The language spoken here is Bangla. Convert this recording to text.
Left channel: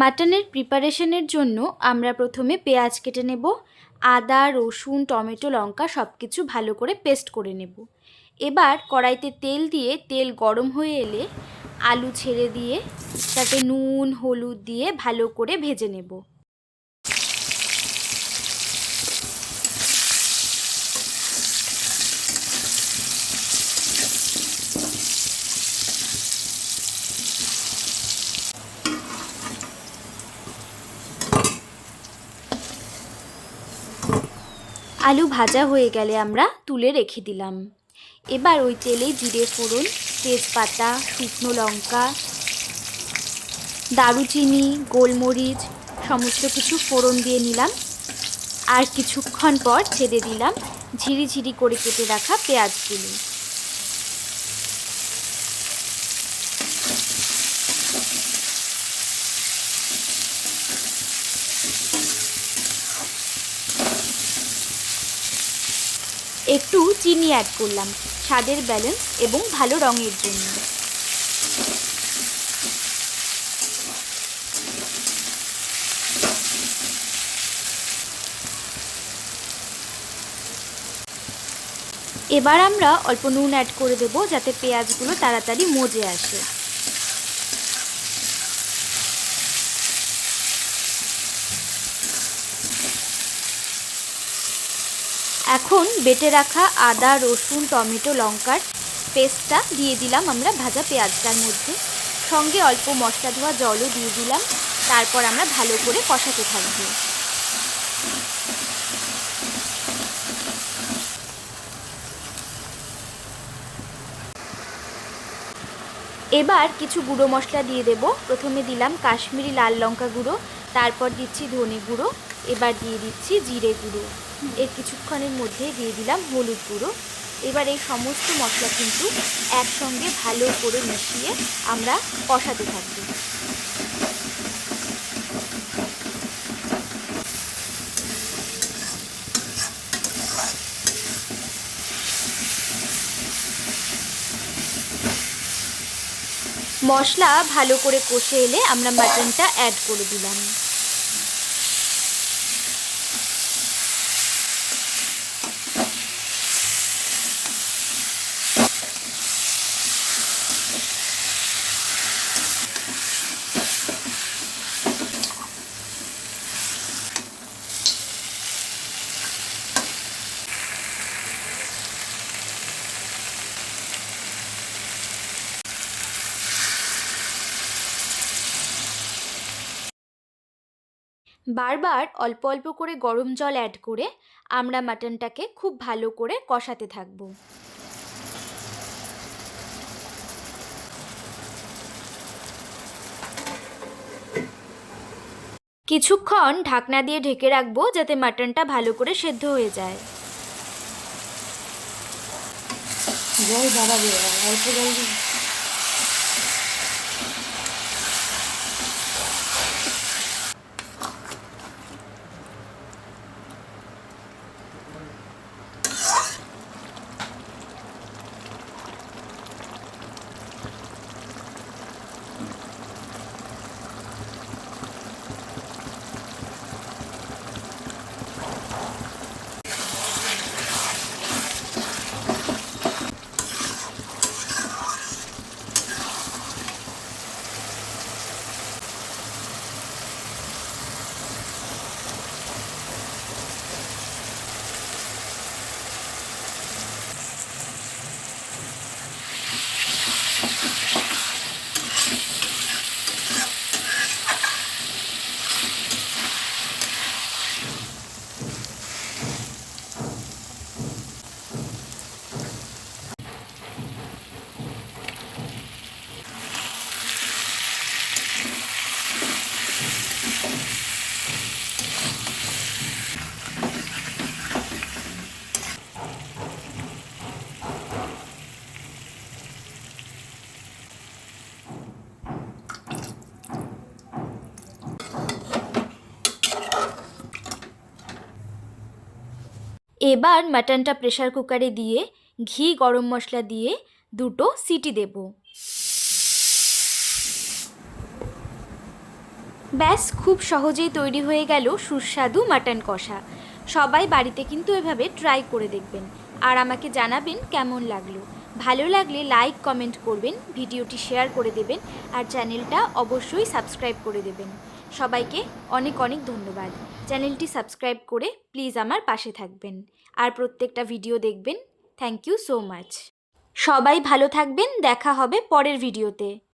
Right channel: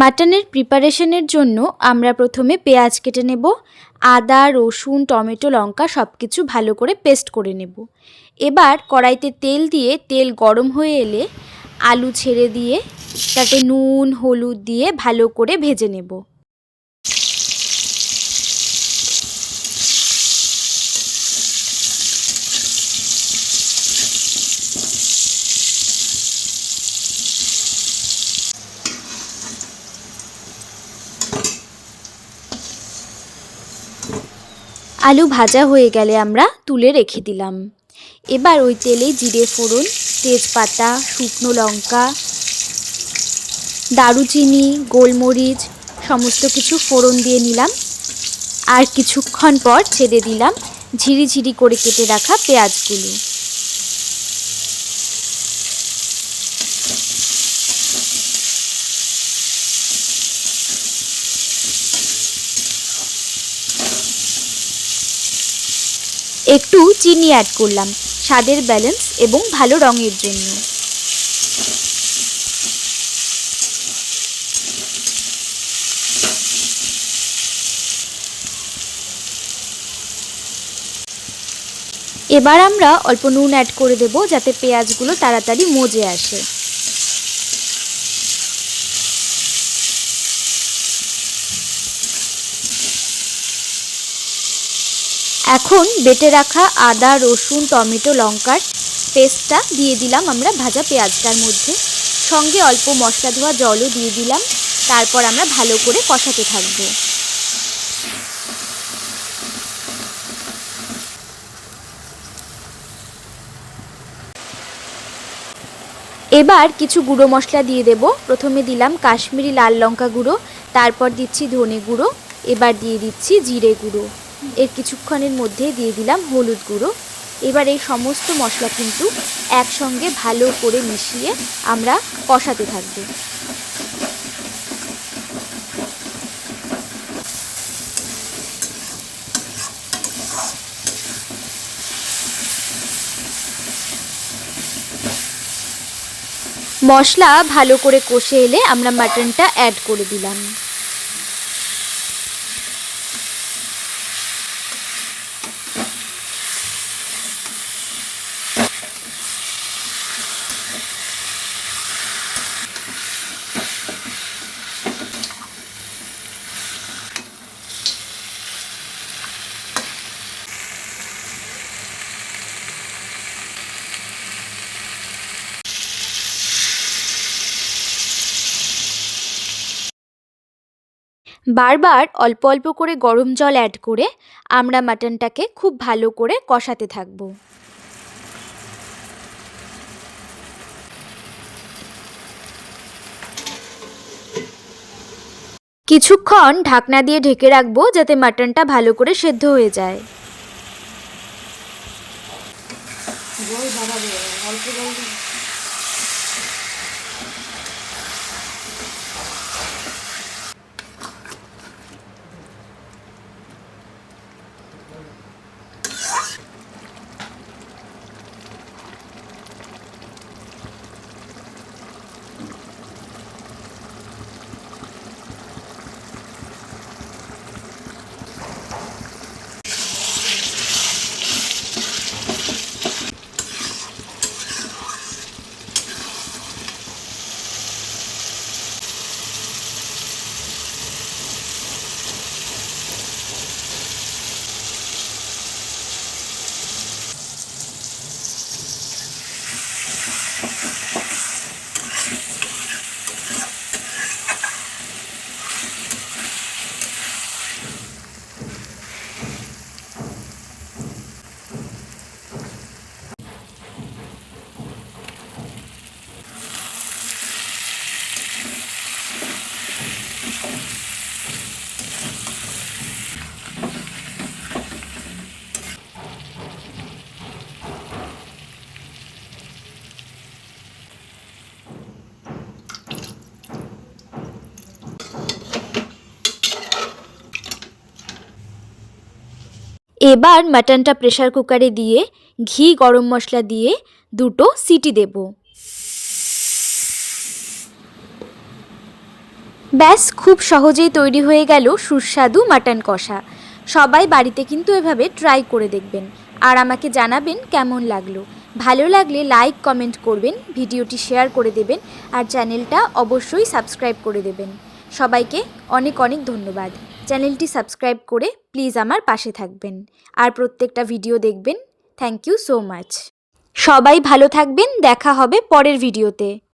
মাটনের প্রিপারেশনের জন্য আমরা প্রথমে পেঁয়াজ কেটে নেব। আদা, রসুন, টমেটো, লঙ্কা সব কিছু ভালো করে পেস্ট করে নেব। এবার কড়াইতে তেল দিয়ে তেল গরম হয়ে এলে আলু ছেড়ে দিয়ে তাতে নুন, হলুদ দিয়ে ভালো করে ভেজে নেব। আলু ভাজা হয়ে গেলে আমরা তুলে রেখে দিলাম। এবার ওই তেলেই জিরে ফোড়ন, তেজপাতা, শুকনো লঙ্কা, দারুচিনি, গোলমরিচ সমস্ত কিছু ফোড়ন দিয়ে নিলাম। আর কিছুক্ষণ পর ছেড়ে দিলাম ঝিরিঝিরি করে কেটে রাখা পেঁয়াজগুলো। একটু চিনি অ্যাড করলাম স্বাদের ব্যালেন্স এবং ভালো রঙের জন্য। এবার আমরা অল্প নুন অ্যাড করে দেব যাতে পেঁয়াজগুলো তাড়াতাড়ি মজে আসে। এখন বেটে রাখা আদা, রসুন, টমেটো, লঙ্কার পেস্টটা দিয়ে দিলাম আমরা ভাজা পেঁয়াজটার মধ্যে। সঙ্গে অল্প মশলা ধোয়া জলও দিয়ে দিলাম। তারপর আমরা ভালো করে কষাতে থাকবো। এবার কিছু গুঁড়ো মশলা দিয়ে দেব। প্রথমে দিলাম কাশ্মীরি লাল লঙ্কা গুঁড়ো, তারপর দিচ্ছি ধনে গুঁড়ো, এবার দিয়ে দিচ্ছি জিরে গুঁড়ো। এর কিছুক্ষণের মধ্যে দিয়ে দিলাম হলুদ গুঁড়ো। এবার এই সমস্ত মশলা কিন্তু একসঙ্গে ভালো করে মিশিয়ে আমরা কষাতে থাকবো। মশলা ভালো করে কষে এলে আমরা মাটনটা অ্যাড করে দিলাম। বারবার অল্প অল্প করে গরম জল অ্যাড করে আমরা মাটনটাকে খুব ভালো করে কষাতে থাকব। কিছুক্ষণ ঢাকনা দিয়ে ঢেকে রাখবো যাতে মাটনটা ভালো করে সেদ্ধ হয়ে যায়। এবার মাটনটা প্রেসার কুকারে দিয়ে ঘি, গরম মশলা দিয়ে 2টো সিটি দেব। ব্যাস, খুব সহজেই তৈরি হয়ে গেল সুস্বাদু মাটন কষা। সবাই বাড়িতে কিন্তু এভাবে ট্রাই করে দেখবেন আর আমাকে জানাবেন কেমন লাগলো। ভালো লাগলে লাইক কমেন্ট করবেন, ভিডিওটি শেয়ার করে দেবেন আর চ্যানেলটা অবশ্যই সাবস্ক্রাইব করে দেবেন। সবাইকে অনেক অনেক ধন্যবাদ। চ্যানেলটি সাবস্ক্রাইব করে প্লিজ আমার পাশে থাকবেন আর প্রত্যেকটা ভিডিও দেখবেন। Thank you so much. সবাই ভালো থাকবেন, দেখা হবে পরের ভিডিওতে।